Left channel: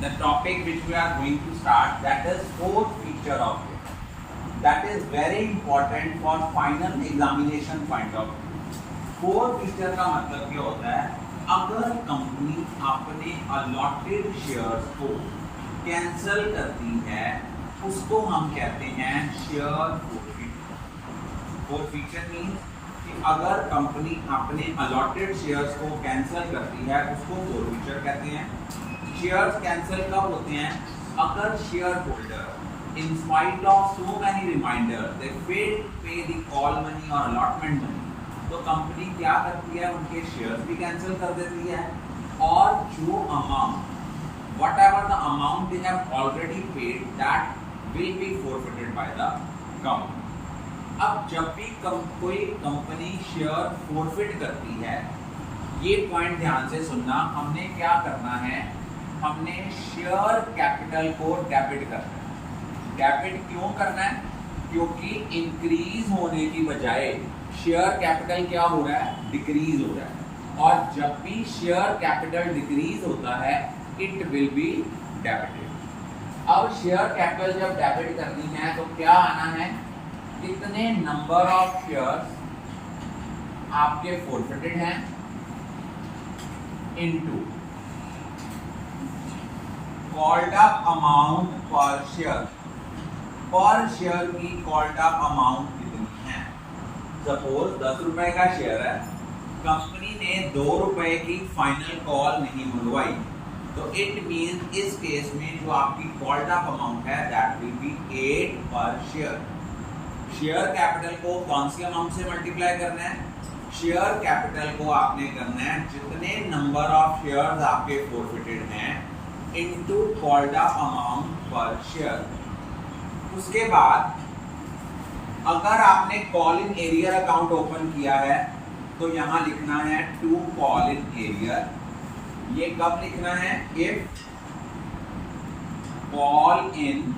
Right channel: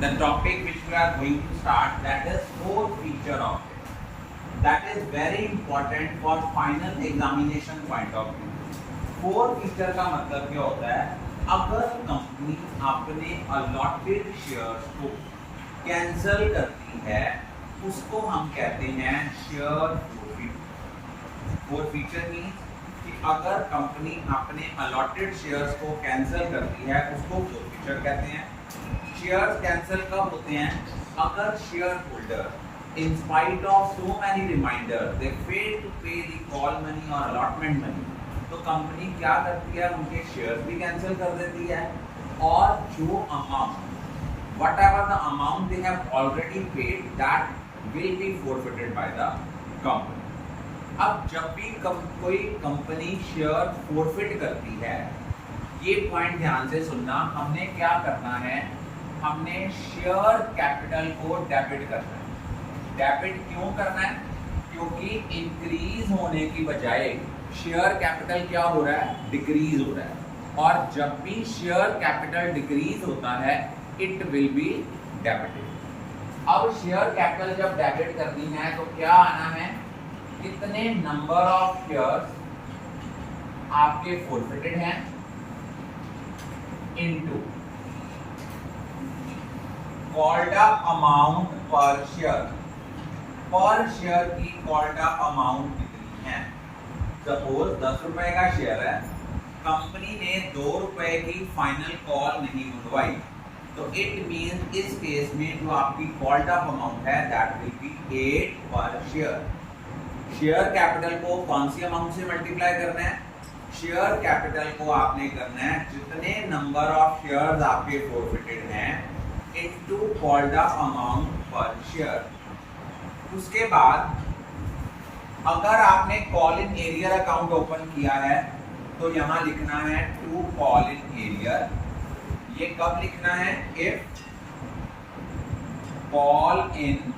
the topic which we are going to start, that is forfeiture of it. That is very important for final examination point of view. forfeiture का मतलब क्या होता है? अगर company अपने allotted shares को cancel करती है उसको हम कहते हैं शेयर फोरफीट। फोरफीचर मीन्स कि अगर कंपनी अपने अलॉटेड शेयर्स को कैंसल करती है उसको फोरफीचर कहते हैं। शेयर्स कैंसिल कब होते हैं? अगर shareholder in spite of so many reminders they fail to pay the call money और अलॉटमेंट मनी, तो कंपनी क्या करती है? उनके शेयर्स भी कैंसिल कर देती है और जो amount what ever the amount they have already paid that will be forfeited by the company. अब जब भी कोई कंपनी शेयर फोरफिट करती है, ये पॉइंट ध्यान से सुनना, हमने क्या करना है? हमने शेयर कैपिटल को डेबिट करना है। डेबिट क्यों करना है? क्योंकि इंक्रीज होने की बजाय शेयर कैपिटल क्या हो रहा है? डिक्रीज हो रहा है, और जब भी शेयर कैपिटल डिक्रीज होता है इट विल बी डेबिटेड। अब शेयर कैपिटल जब डेबिट करनी है तो क्या आना है? कितने नंबर ऑफ शेयर्स आपके फोरफिटेड हैं इनटू कॉल्ड अप अमाउंट पर शेयर। पर शेयर की कॉल्ड अप अमाउंट कितनी है? सपोज 10 रुपए का शेयर है, कंपनी ने 2 रुपए की फाइनल कॉल नहीं मंगवाई, तो इट मींस इस केस में जो आपकी कॉल्ड अप अमाउंट है दैट विल बी 8 पर शेयर। शेयर कैपिटल को कौन सी अमाउंट से मल्टीप्लाई करना है? शेयर कैपिटल को आपने करना है जितने नंबर ऑफ शेयर्स आपके फोरफिटेड हैं इनटू कॉल्ड अप अमाउंट पर शेयर। उसके बाद अगर आपने call in arrear account open किया है तो यहां लिखना है टू कॉल इन एरियर। ये कब लिखना है? If call in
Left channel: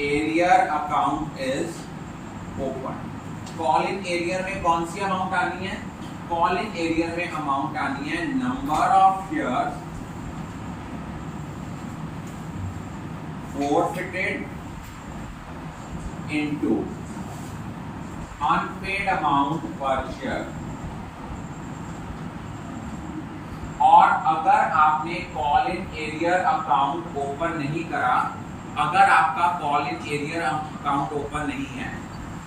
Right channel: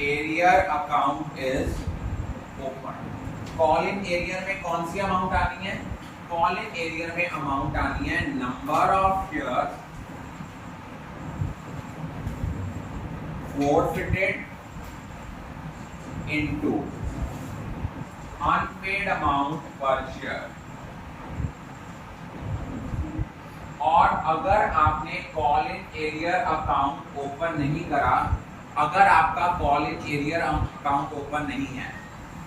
arrear account is open. Call in arrear में कौन सी अमाउंट आनी है? कॉल इन एरियर में अमाउंट आनी है number of shares forfeited into unpaid amount per share। और अगर आपने call in arrear account open नहीं करा, अगर आपका call in arrear account open नहीं है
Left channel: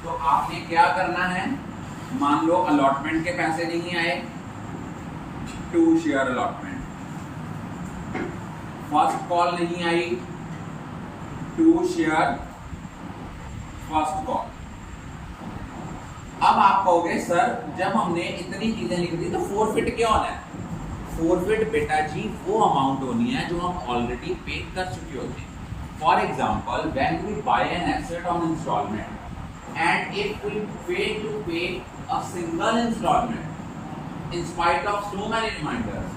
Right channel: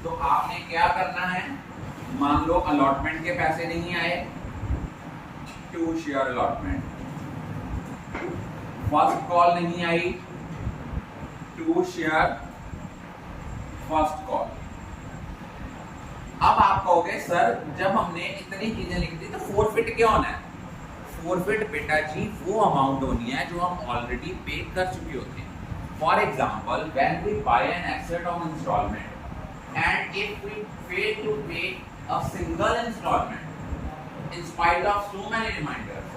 तो आपने क्या करना है? मान लो अलॉटमेंट के पैसे नहीं आए, 2 शेयर अलॉटमेंट। फर्स्ट कॉल नहीं आई, 2 शेयर फर्स्ट कॉल। अब आप कहोगे सर जब हमने इतनी चीजें लिख दी तो फोरफिट क्यों होना है? फोरफिट बेटा जी वो अमाउंट होनी है जो हम ऑलरेडी पे कर चुके होते हैं। For example when we buy an asset on instalment and if we fail to pay a single instalment in spite of so many reminders,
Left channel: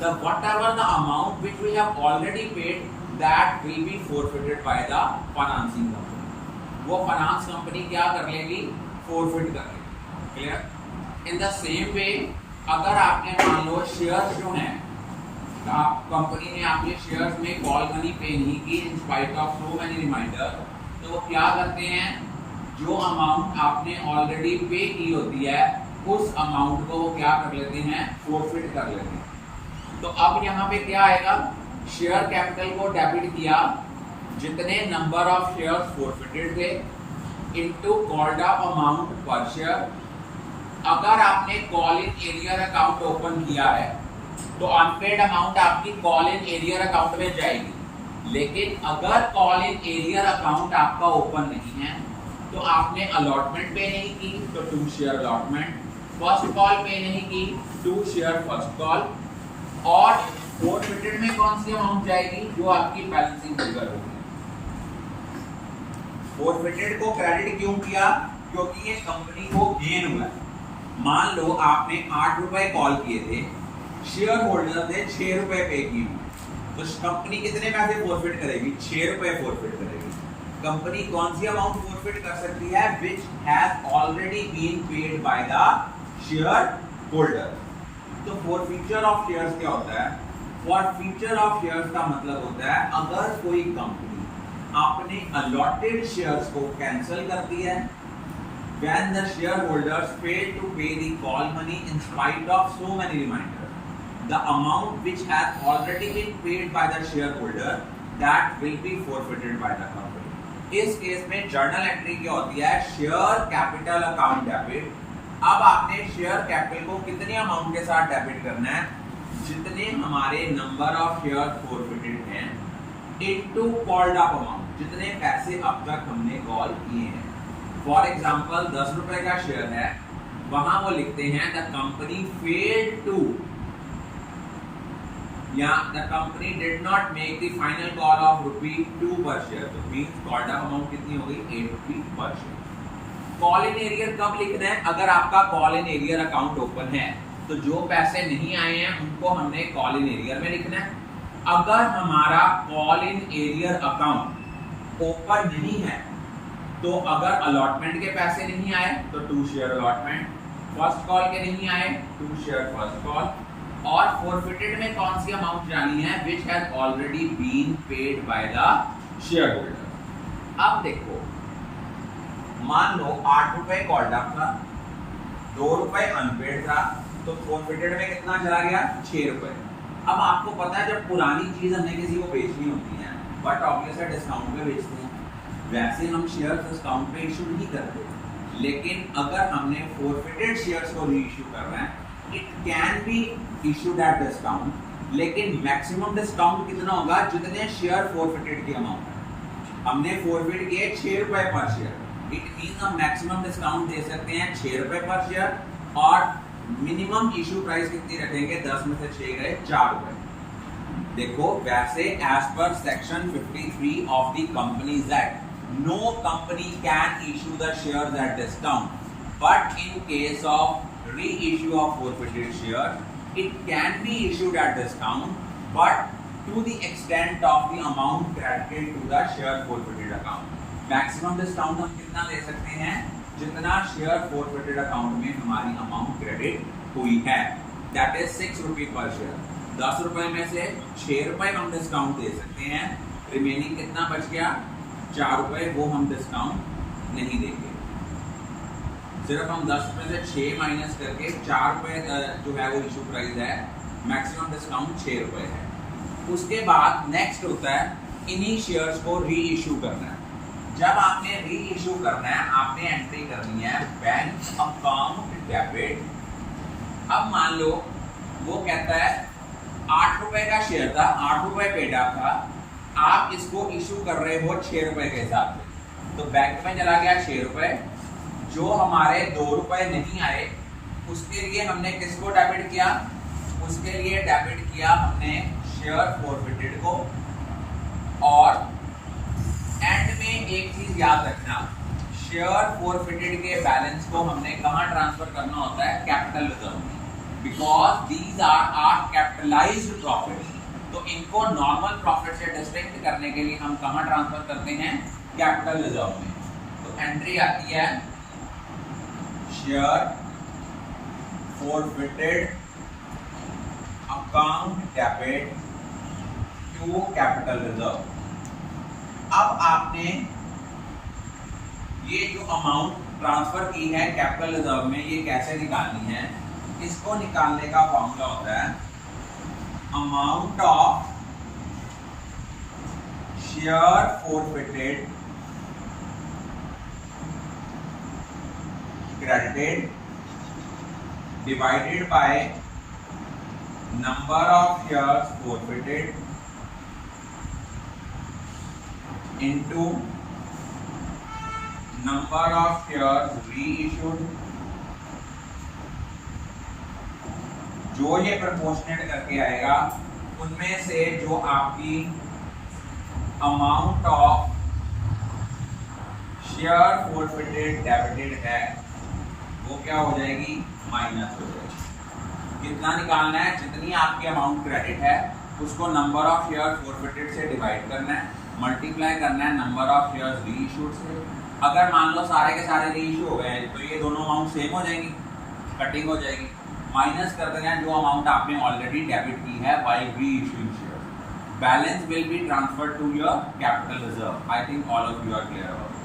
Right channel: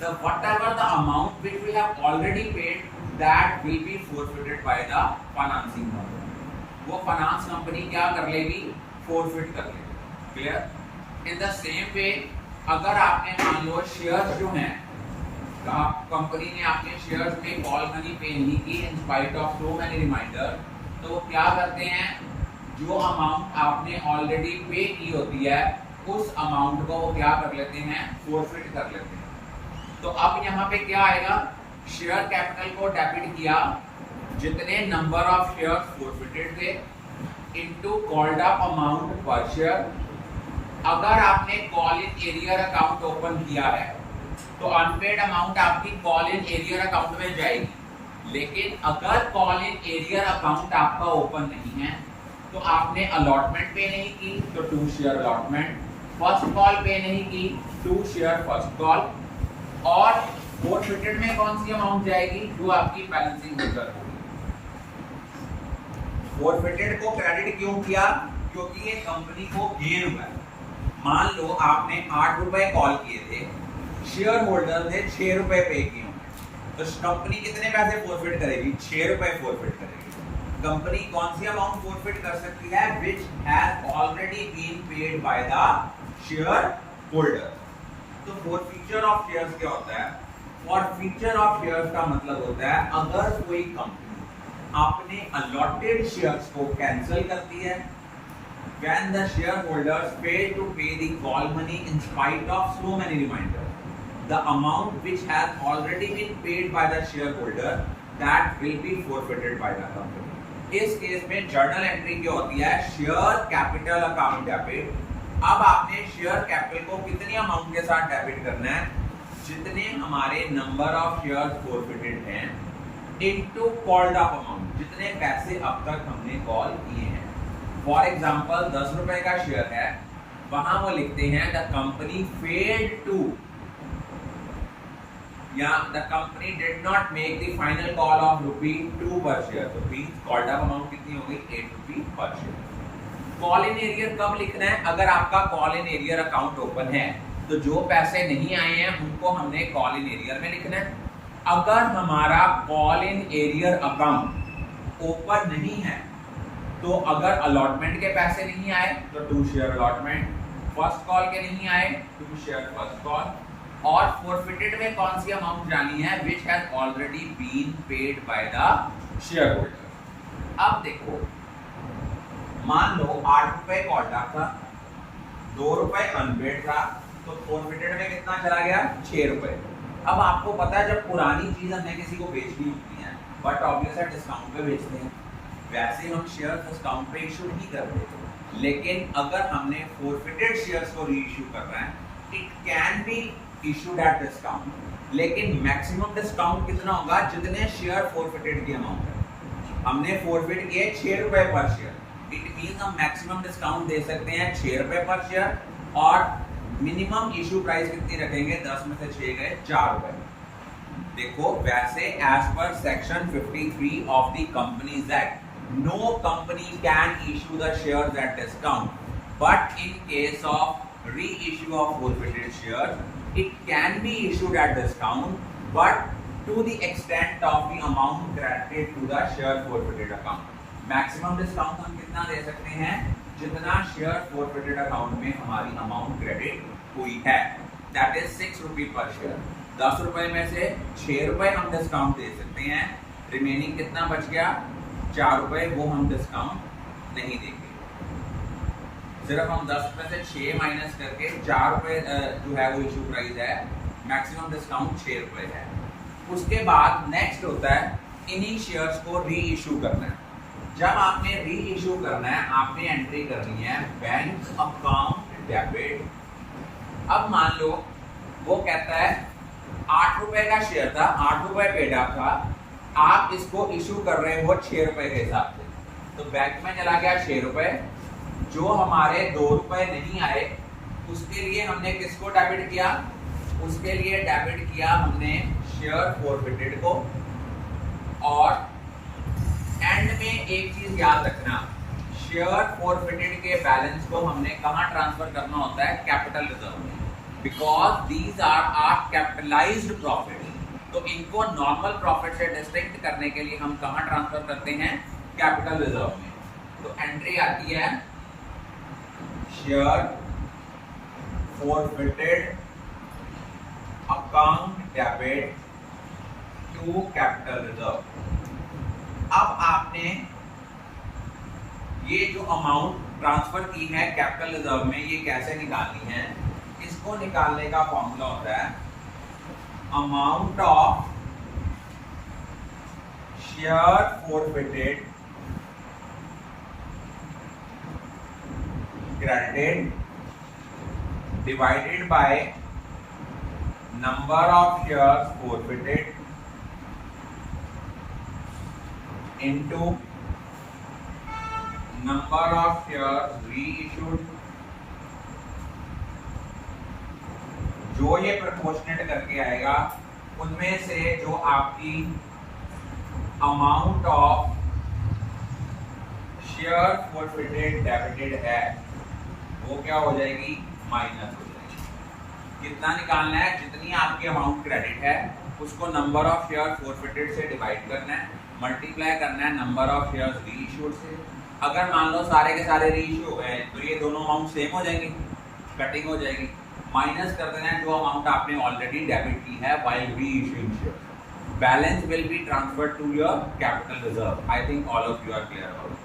the whatever the amount which we have already paid that will be forfeited by the financing company। वो finance company क्या कर लेगी? Forfeit कर लेगी। Clear? In the same way अगर आपने मान लो shares जो हैं, कंपनी ने आपके शेयर्स में कॉल मनी पे नहीं की in spite of so many reminder, तो वो क्या करते हैं? जो अमाउंट आपने ऑलरेडी पे की होती है उस अमाउंट को वो क्या कर लेते हैं? फोरफिट कर लेते हैं। तो अब यहाँ पे क्या आएगा? शेयर कैपिटल को डेबिट किया जितने नंबर ऑफ शेयर्स फोरफिटेड थे इनटू कॉल्ड अप अमाउंट पर शेयर। अगर आपने call in arrear account open किया है तो अनपेड अमाउंट आपकी कॉल इन एरियर अकाउंट में जाएगी, लेकिन अगर कॉल इन एरियर अकाउंट आपका ओपन नहीं है तो आपने अलॉटमेंट पे नहीं की तो 2 शेयर अलॉटमेंट, फर्स्ट कॉल पे नहीं की 2 शेयर फर्स्ट कॉल, और फोरफिटेड में कौन सी अमाउंट जाएगी? जो आपकी बैलेंसिंग फिगर होगी। फोरफिटेड को क्रेडिट क्यों किया? क्योंकि ये कंपनी को गेन हुआ है। मान लो आपने 8 रुपए कॉल किए थे, शेयर होल्डर ने 6 रुपए पे किए, तो कंपनी कितने पैसे फोरफिट करेगी? 6 रुपए फोरफिट करेगी। कंपनी कौन सी अमाउंट फोरफिट कर सकती है? Which has already been paid by the shareholder. तो फोरफिचर ऑफ शेयर्स क्या होता है? फॉर फीचर ऑफ शेयर्स का मतलब होता है अगर कोई कंपनी अपने अलॉटेड शेयर्स को कैंसिल करती है, when the shareholders fail to pay the call money in spite of so many reminders, the amount which has already been paid by the shareholder that will be forfeited by the company. इस case में journal entry क्या होती है, share capital account debit. अब आपने share capital को कितनी amount के साथ डेबिट करना है, जितने हमारे नंबर ऑफ शेयर फॉरफिटेड हैं इनटू कॉल्ड अप अमाउंट, जितने पैसे अब तक हमने कॉल किए हैं। फॉर एग्जांपल 10 रुपए का शेयर है, वहां वो लिखते हैं द कंपनी फेल्ड टू, या the company did not make the final call of ₹2 पर शेयर। तो मींस कॉल्ड अप अमाउंट कितनी हो गई, ₹8 पर शेयर। कॉल इन एरियर कब लिखना है, अगर आपका call in arrear account open है तो जो पैसे नहीं आए हैं उनको हमने कॉल इन एरियर में लिखना है। अगर हमारा call in arrear account open नहीं है तो अगर अलॉटमेंट के पैसे नहीं आए तो 2 शेयर अलॉटमेंट, फर्स्ट कॉल के नहीं आए 2 शेयर फर्स्ट कॉल, और फॉरफिटेड में कौन सी अमाउंट जानी है, which has already been paid by the shareholder. अब देखो, मान लो 8 रुपए कॉल्ड अप था, 2 रुपए अनपेड था, तो फॉरफिटेड में कितना चला गया, 6 रुपए। अब आपको पता है जब पुरानी चीज हमने किसी को बेचनी होती है बट ऑब्वियसली डिस्काउंट पे बेचते हैं, वैसे हम शेयर्स डिस्काउंट पे इशू नहीं करते, लेकिन अगर हमने फॉरफिटेड शेयर्स को री इशू करना है it can be issued at discount, लेकिन मैक्सिमम डिस्काउंट कितना होगा, जितने शेयर फॉरफिटेड की अमाउंट हमने फॉरफिट किए 6 रुपए पर शेयर, इट मींस हम मैक्सिमम डिस्काउंट दे सकते हैं 6 रुपए पर शेयर, और मिनिमम इशू प्राइस कितनी रखेंगे, 10 में से 6 गए 4 रुपए। देखो वैसे as per section 53 of the companies act, no company can issue the shares at discount, but in case of reissue of forfeited share it can be issued at discount, but to the extent of the amount credited to the share forfeited account. Maximum discount हम कितना दे सकते हैं, जितना share forfeited account में हमारी amount credit हुई है, that is 6 रुपए पर शेयर। 10 रुपए में से 6 रुपए हम डिस्काउंट दे सकते हैं, रिमेनिंग कितना बच गया, 4 रुपए, वो हम डिस्काउंट नहीं देंगे। सिर्फ हम 10 रुपए से 6 माइनस करके 4 रुपए जो है वो इशू प्राइस है, मैक्सिमम डिस्काउंट 6 रुपए है। उसके बाद नेक्स्ट होता है इन्हीं शेयर्स को री इशू करना है। जब आपने री इशू करना है आपने एंट्री करनी है बैंक अकाउंट डेबिट। अब मान लो वो कहता है 8 रुपए का शेयर था, 8 रुपए पेड अप था, आप इसको इशू कर रहे हो 6 रुपए के हिसाब से, तो बैंक में चला गया 6 रुपए। जो हमारे 2 रुपए नहीं आए उसके लिए हमने किसको डेबिट किया, उसके लिए डेबिट किया हमने शेयर फॉरफिटेड को। और एंड में एक चीज याद रखना, शेयर फॉरफिटेड के बैलेंस को हमने कहां ट्रांसफर करना होता है, कैपिटल रिजर्व में, because these are capitalised profit. तो इनको नॉर्मल प्रॉफिट से डिस्टिंक्ट करने के लिए हम कहां ट्रांसफर करते हैं, कैपिटल रिजर्व में। तो एंट्री आती है share forfeited account debit to capital reserve. अब आपने ये जो अमाउंट ट्रांसफर की है कैपिटल रिजर्व में, ये कैसे निकालनी है, इसको निकालने का फॉर्मूला होता है amount of share forfeited credited divided by number of shares forfeited into number of shares reissued। जो ये प्रोपोर्शनेट करके आएगा उनमें से जो आपकी amount of share forfeited debited है वो क्या हो जाएगी, माइनस हो जाएगी। कितना निकालना है, जितनी आपकी अमाउंट क्रेडिट है उसको नंबर ऑफ शेयर फॉरफिटेड से डिवाइड करना है, मल्टीप्लाई करना है नंबर ऑफ शेयर्स रीइश्यूड से। अगर मान लो सारे के सारे रीइश्यू हो गए तो ये दोनों अमाउंट सेम हो जाएंगी, कटिंग हो जाएगी। माइनस कर देना है जो अमाउंट आपने ऑलरेडी डेबिट की है while reissuing shares. Balance will be transferred to your capital reserve. I think all of you are clear about it.